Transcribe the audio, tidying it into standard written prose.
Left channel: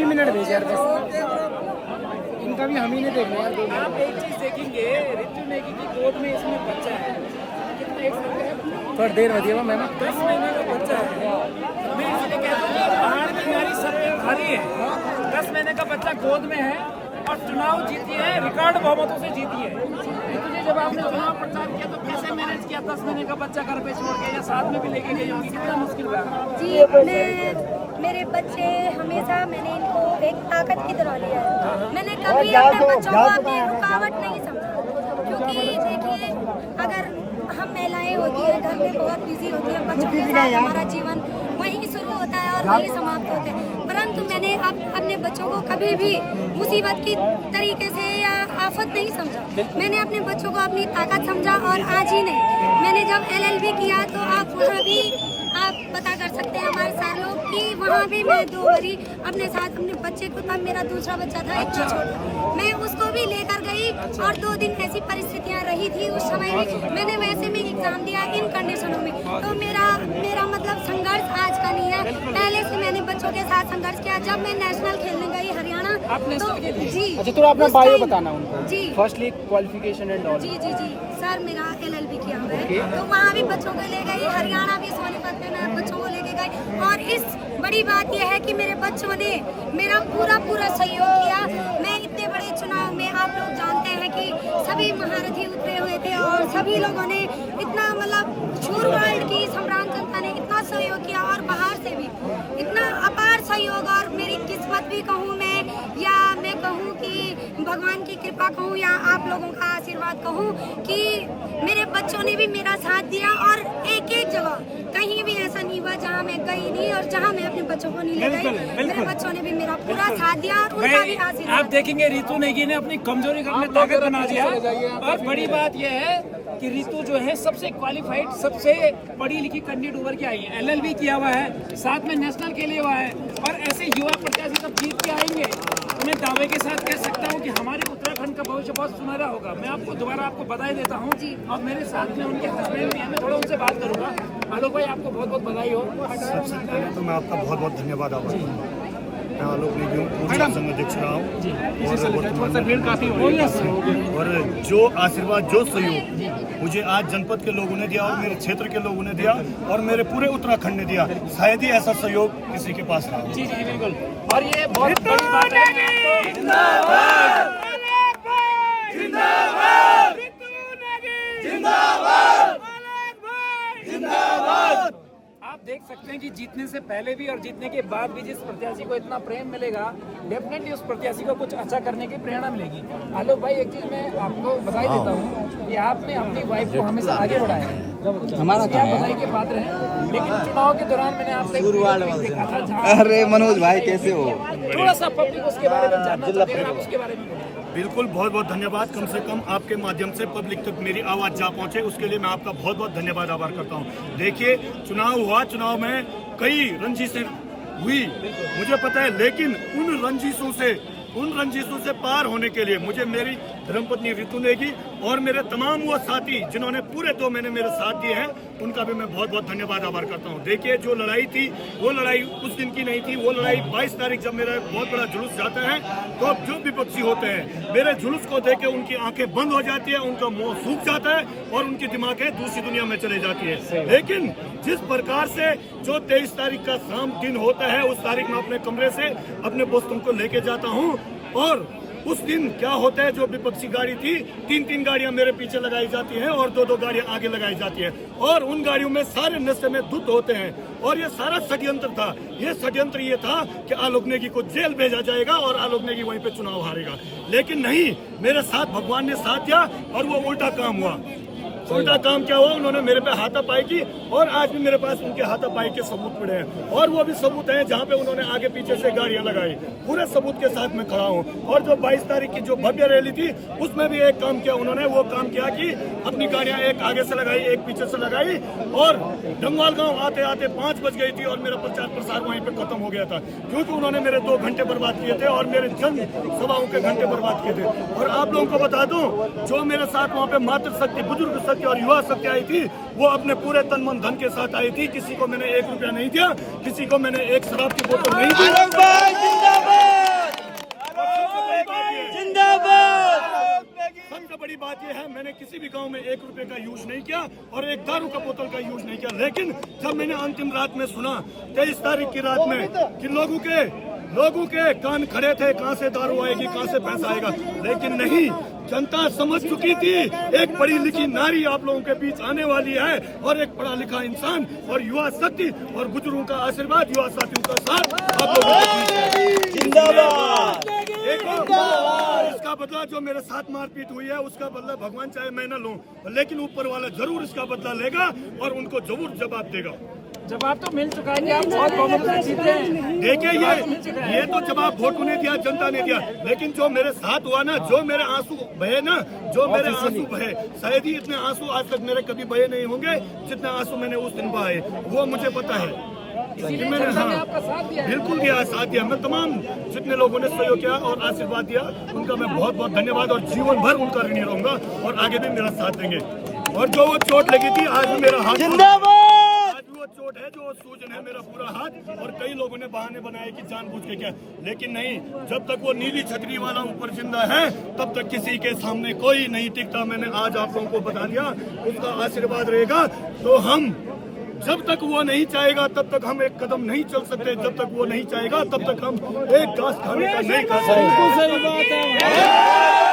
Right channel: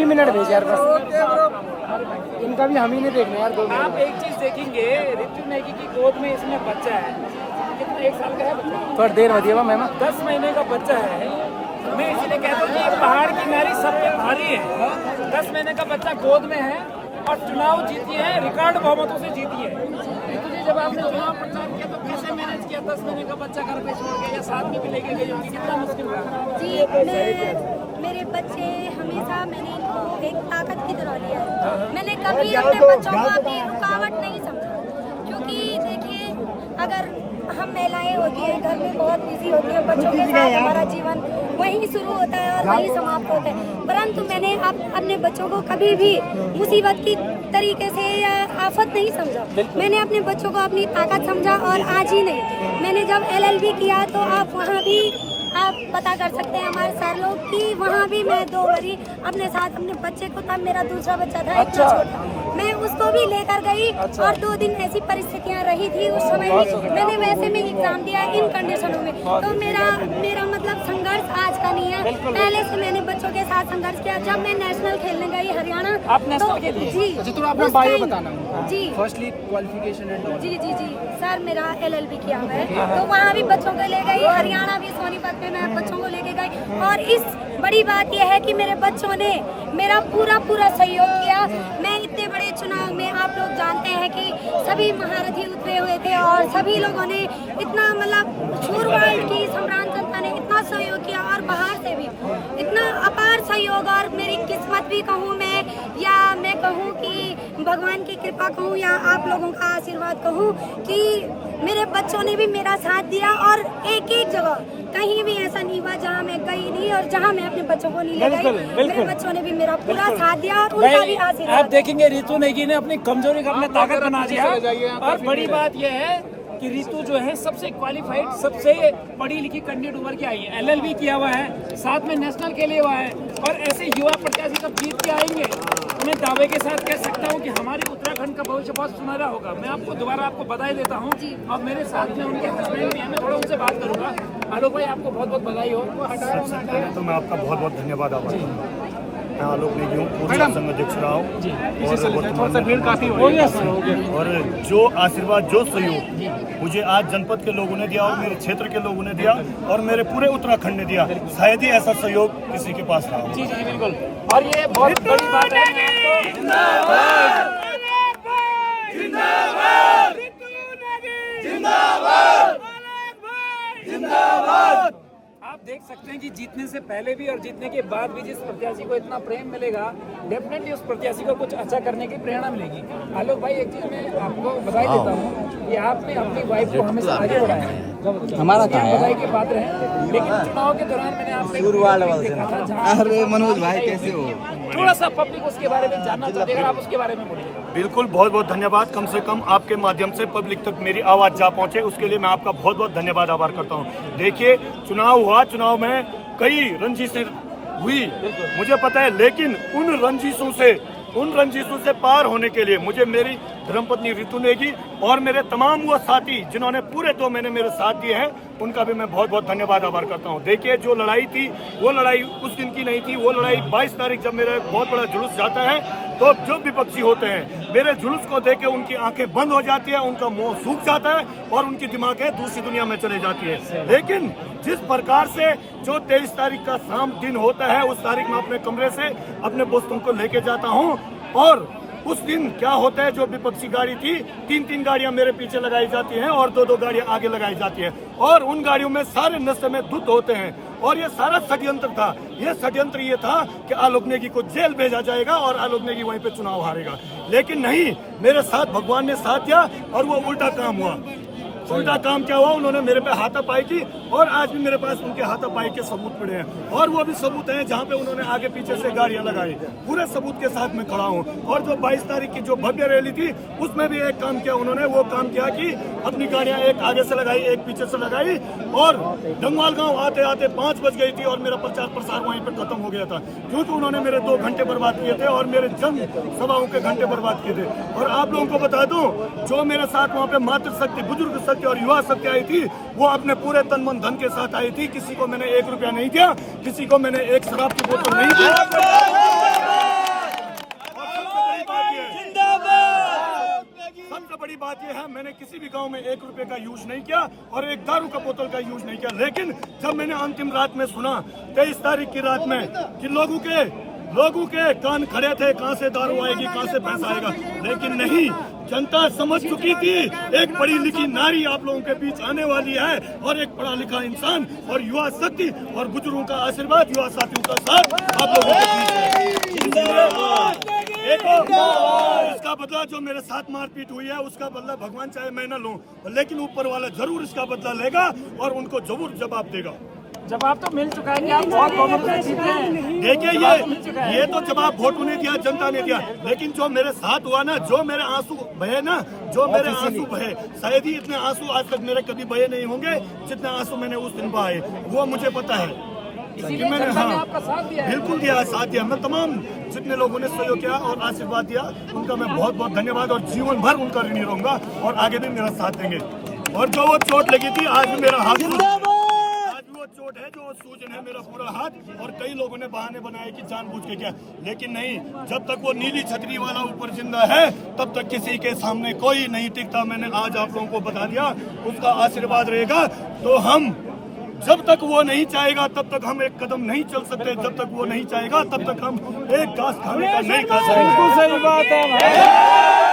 2 minute भेज यार बस, इनका भी हम ही नहीं देखना यार 2 आप मिनट। एक चीज देखेंगे, ऋतु नेगी की गोद में इसमें बच्चा है, कितना 1 साल का है बच्चा, थोड़ी देर होती है मैम। 10 महीने का बच्चा है। मैं इसलिए कहता हूँ कि पहाड़ की नारी सब पे भारी है। 10 महीने का बच्चा गोद में है और चुनाव जीती है, रिकॉर्ड बहुमतों से जीती है। ऋतु जी, जब आपने चुनाव प्रचार किया तो कैसे मैनेज किया? 10 महीने का बच्चा घर पे छोड़ के या साथ में भी लेके गई होगी, कितना मुश्किल रहा? जी, मेरे बच्चे हमेशा मैंने इनको एक ताकत की तरह लिया है। मैंने कभी अपने बच्चों को अपनी रुकावट नहीं समझा, क्योंकि देखिए अगर हम महिलाएं होती है घर में बहुत बिजी होती है, बच्चों के साथ हमारा जीवन वहीं शुरू होता है और वहीं समाप्त होता है। परंतु मैंने अपने बच्चों को कभी भी मुसीबत की तरीके से या आफत नहीं समझा। मैंने अपने बच्चों को अपनी ताकत समझा और आज ही नहीं, मैंने जब LLB किया तो आप वहाँ भी आप पता कर सकते हैं हमारे सर लोग कि वहाँ भी मैं 2 बारी अपने साथ अपने बच्चे को, तब मेरा दूसरा बच्चा था, इतना छोटा, मैं उसको भी लेकर गई। और 2 दिन ऐसी परिस्थितियाँ रही थी उस समय भी, मैंने वैसे में एग्जाम दिया इन कंडीशनों में। तो मेरा मतलब संघर्ष आज का नहीं है, पहले से मैंने बच्चों के साथ संघर्ष किया। जब मैं नेशनल खेलने गई हरियाणा, तो जी अच्छा थोड़ा अपना बायो बताना उनका। जी फर्स्टली क्वालिफिकेशन एंड ऑल। जी जी जी सर, मेरा LLB किया हुआ है, तो वहाँ भी बच्चों को ले गई, हरियाणा भी सोनीपत में मैं बच्चों को लेके गई। और इस बड़ी बात यह है कि मेरे बच्चों ने मेरा पूरा सहयोग किया। मैं इतने बड़े चुनाव में, आप लोग जानते हैं कि सभी महारथी उतरे हुए थे और सभी लोगों ने इतना मतलब शूर वर्ल्ड की सम्राट जनता ने इतना सहयोग किया और बाहर से भी इतना अपार सहयोग। और मेरी किस्मत भी कहूँ मैं, या मैं कहूँ कि भगवान की कृपा कहूँ, या आप लोगों का आशीर्वाद कहूँ कि मेरे बच्चों ने भी मेरा साथ दिया। और एक जगह कहीं भी ऐसा नहीं हुआ जहाँ मैं गई नहीं और जहाँ मैं अपने बच्चों को नहीं ले गई, मेरे बच्चों ने भी मेरा पूरा साथ दिया और उनका भी आशीर्वाद। आप देखेंगे ऋतु नेगी ने अपनी कमजोरी को अपने ताकत बना दिया। और बड़ी बात यह है कि ऋतु जो है सबसे क्वालिफाइड, सबसे पढ़ी लिखी कैंडिडेट उभर के आई है, LLB किया हुआ है, साथ में नेशनल के लिए हुआ है। और ऐसे युवा प्रत्याशी सब जीत के आएंगे, तो मैं दावे के साथ कह सकता हूँ कि हमारे उत्तराखंड का भविष्य बहुत सुनहरा होगा। मैं आपको दोबारा बधाई देता हूँ और मेरे साथ में उनके हस्बैंड भी हैं, मैं थोड़ा उनसे बात करूँगा। आलोक भाई, आपको बहुत बहुत बधाई हो। सबसे पहले तो मैं आपका बहुत बहुत धन्यवाद आभार करता हूँ। मैं आलोक नेगी हूँ, पूर्व संघ अध्यक्ष रहा हूँ और वर्तमान में। और जो आशीर्वाद, जो सहयोग मुझे आज जनपद के लोगों ने दिया और मेरे क्षेत्र के लोगों ने दिया और मेरे पूरे उत्तराखंड ने दिया, शायद ही ऐसा सहयोग किसी के पास रहा। जी जी बिल्कुल। और ये बहुत बड़ी बात है। जिंदाबाद जिंदाबाद जिंदाबाद जिंदाबाद। आप देख सकते हैं कि जीतने से पहले भी और जीतने के बाद भी जिस प्रत्याशी को इतना प्रेम मिलेगा, डेफिनेटली उस प्रत्याशी को कुछ अच्छा करने की प्रेरणा मिलेगी। आलोक भाई, एक चीज मैं आपको बधाई देता हूँ कि आपने अपनी वाइफ को हमेशा आगे बढ़ाया है, हमारा क्या बधाई के पात्र है। लेकिन चुनाव के दौरान मैंने आपसे देखा था, अरे मनोज भाई कैसे हो, थोड़ा सा पब्लिक उसके बारे में जानना चाहते हैं, आप उसके बारे में बोलिए। बिल्कुल, बहुत बहुत धन्यवाद। कम से कम आपके माध्यम से पब्लिक तक मेरी आवाज़ जा पहुंचे, उसके लिए मैं आपका बहुत बहुत धन्यवाद आभार करता हूं। देखिए, चुनाव हुआ, चुनाव में कई रंजिशें हुई, मुझे पता है, लेकिन उन रंजिशों से पार होने के लिए मुझे मेरी धर्मपत्नी ऋतु नेगी और मेरे तमाम वो साथी जिन्होंने पूरे 2 महीने मेरे साथ दिए हैं, उनका भी मैं बहुत बहुत धन्यवाद आभार करता हूं। देखिए, जो लड़ाई थी वो लड़ाई उस दिन की नहीं थी, वो लड़ाई 22 तारीख जब मेरा बहुत बड़ा जुलूस जाता है, तो जो विपक्षी होते हैं मेरे जुलूस को देख के उनकी आंखें बंद हो जाती है, उनका मुंह सूख जाता है और उनकी दिमागें दूसरी दुनिया में चले जाती है। लेकिन जिस प्रकार से जो 23 तारीख का शाम दिन होता है, उस तारीख में अपने कमरे से अपने दोस्तों को लेके जाता हूँ और उस दिन क्या होता है, जो विपक्षी गाड़ी थी 3-3 गाड़ियां मेरे पीछे लगाई जाती हैं और 2-2 गाड़ियां आगे लगाई जाती हैं और उन गाड़ियों में सारे नशे में धुत होते हैं। और ये सारा षड्यंत्र था। ये षड्यंत्र ये था कि आलोक नेगी को जेल भेजा जाएगा और आलोक नेगी वहीं पे चुनाव हारेगा। लेकिन नहीं, मेरे साथ भगवान ने साथ दिया और वो उल्टा काम हुआ। उल्टा काम क्या हुआ, उन्होंने मेरे पे हाथापाई की और आज भी मेरे पास उनके हाथापाई के सबूत पड़े हैं और वो भी सबूत हैं जहाँ पे उन्होंने आगे पीछे से गाड़ियां लगाई। पूरे सबूत के साथ में खड़ा हूँ। और जो 22 तारीख की जो भव्य रैली थी, उसमें भी एक काम किया उन्होंने, वो काम किया कि अपनी गाड़ियां एक आगे से लगाई, एक पीछे से लगाई और डंगवाल गाँव आते आते 5 बज गई थी और मेरा प्रचार प्रसार वहीं पर खत्म हो गया था, क्योंकि उन्होंने मेरे 2 घंटे बर्बाद किए थे और मेरे जन सभाओं के घंटे बर्बाद किए थे। और आप लोगों को बता दूं, जो मेरे साथ वहाँ पे मातृशक्ति, बुजुर्ग शक्ति और युवा शक्ति आई थी, वो अपने पूरे तन मन धन के साथ आई थी। किसी को मैंने 1 रुपया नहीं दिया, किसी को मैंने एक शराब की बोतल नहीं दी। बात यह है, मैंने किसी भी गांव में 1 रुपए का यूज नहीं किया और एक दारू का बोतल का यूज नहीं किया। लेकिन जब मैंने अंतिम रात में सुना 23 तारीख की रात में कि लोगों के कान खड़े थे, कहां से दारू आएगी, कहां से पैसा आएगा, लेकिन नहीं, जनता समझ चुकी थी एक पढ़ी लिखी नारी आप लोगों के बीच आने वाली है और एक पढ़ा लिखा इंसान और युवा शक्ति और बुजुर्गों का आशीर्वाद, युवा साथियों का साथ आप लोगों के बीच है। एक और इसका बदला जो मेरे साथ मारपीट हुई है उसका बदला भगवान चाहे मैं न लूं, लेकिन ऊपर वाला जरूर इसका बदला लेगा और उनको जरूर जवाब देगा। जवाब तो मिल चुका है कि आप बहुत बहुमत से जीते हैं। देखिए ये तो जवाब वोटों ने दिया, जनता ने दिया, लेकिन जो मेरे साथ हुआ ना, जो मेरे आंसू बहे ना, जो मेरे आंसू बहे, शायद ही इतने आंसू आज तक मेरे कभी बहे नहीं होंगे जितने आंसू मैंने उस दिन बहाए, वो मुझे पता है। मैंने आपका साथ दिया है। बिल्कुल दिया, साथ दिया। मैं तमाम जितने लोगों ने सहयोग किया और आशीर्वाद दिया उनका मैं बहुत बहुत धन्यवाद और जीवन भर उनका ऋणी रहूंगा और आगे भी मेरा साथ देंगे। और जो वो चोट लगी थी आज भी मेरा हाथ चोट है, जो सूजन है मेरा पूरा हाथ, और कई लोगों ने बहाने बनाए कि जानबूझ के क्या, लेकिन नहीं, जब तक वो नीली छतरी वाला ऊपर जिंदा है तब तक किसी के सामने कोई नहीं टिकता। मैंने आज आप लोगों को बता दिया, उसका आशीर्वाद रहेगा तो हम, जब तक वो नहीं चाहेगा तब तक हम एक कदम नहीं चल सकते, जब तक वो नहीं चाहेगा तब तक हम एक घास खाने का नहीं खा सकते। सही बात है।